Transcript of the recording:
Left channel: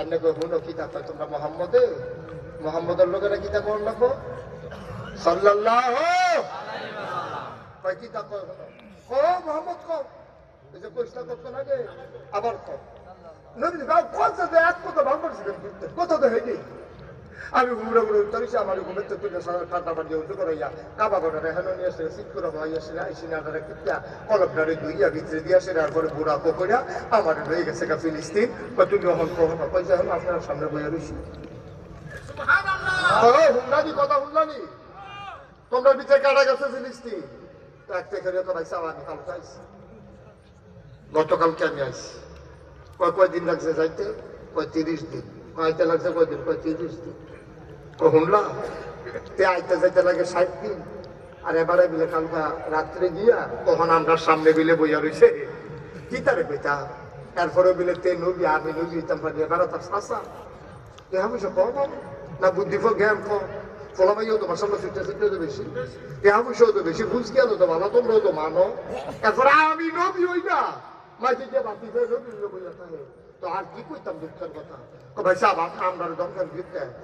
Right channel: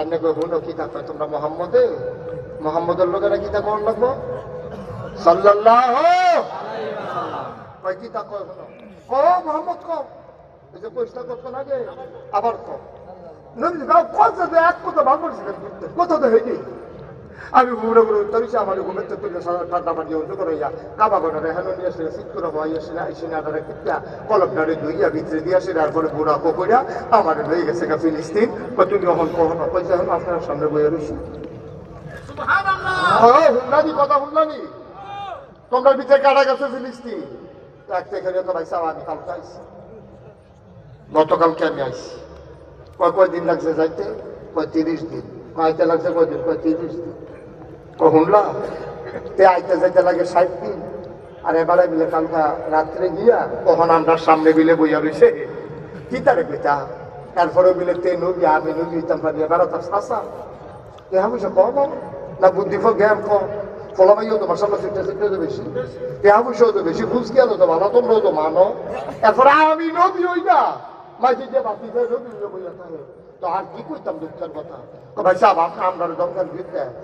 আন্নে কই হুনো কিতাব কয় তোমরা মোহাম্মদের লোকেরা কিতাব পড়ন লাগবো সাল্লাল্লাহু আলাইহি ওয়াসাল্লাম কয় কিতাব কয় ও মোহাম্মদ কও এই যে কইটা করতে লাগে আবার কও নবী গাও কত যে এক কথা ভাগ করছিলেন কত তো হইনি আমি বুড়ো বুড়ো তরিছে আমার ঘুমের তো তুলে ঠান্ডা পানি উঠে করে ইয়া কাবা গোটা হেলো নিয়ে এসে শীত করে ভয় এসে না এসে না ধরে কিটা কলমটারে ধুইয়া ভিতরে দিয়ে আসে তারপরে বুড়া কোকড়া আমার হয়ে গেছে গা ফিলিস্তিন কত যখন কখনো পয়সা হলো আপনার সামনে বইয়ে রয়েছি হুন্নানি কথা হুন্নানি তোমরা ভিতরে কাটা গেছে ফিলিস্তিন এক থেকে তো ভাই সাওয়া আমি কালকে আইসি গতকালকে আমি আইসি কয়দিন লাগছে যাইতে 35 দিন আইতে লাগছে কয়দিন 35 দিন শুনলাম তে আইতে যাইতে লাগে 60 দিন আর এবারে বিলে কালকা রাত্রে গিয়া কখন আমরা সামনে বিলে বইয়া রয়েছে কি তারে কইতা এরপরে বিলে তে নবী আমি নবী ইতাম পারি এবার তার শাসা এ আমি সে কম না বুদ্ধি জ্ঞান কম ফলামাইও তো ভাষা শিখতে তো বেশি এ আমি তো বেশি বুঝ গেল তো ভালো তোমরা তো মানো এরপরে আমি নবী হই না মাঝে যে বাকি নবী বইয়া থাকে তো আর কি কইতাম দুঃখের কথা ভাই সাহেব আমরা দরকার দিতে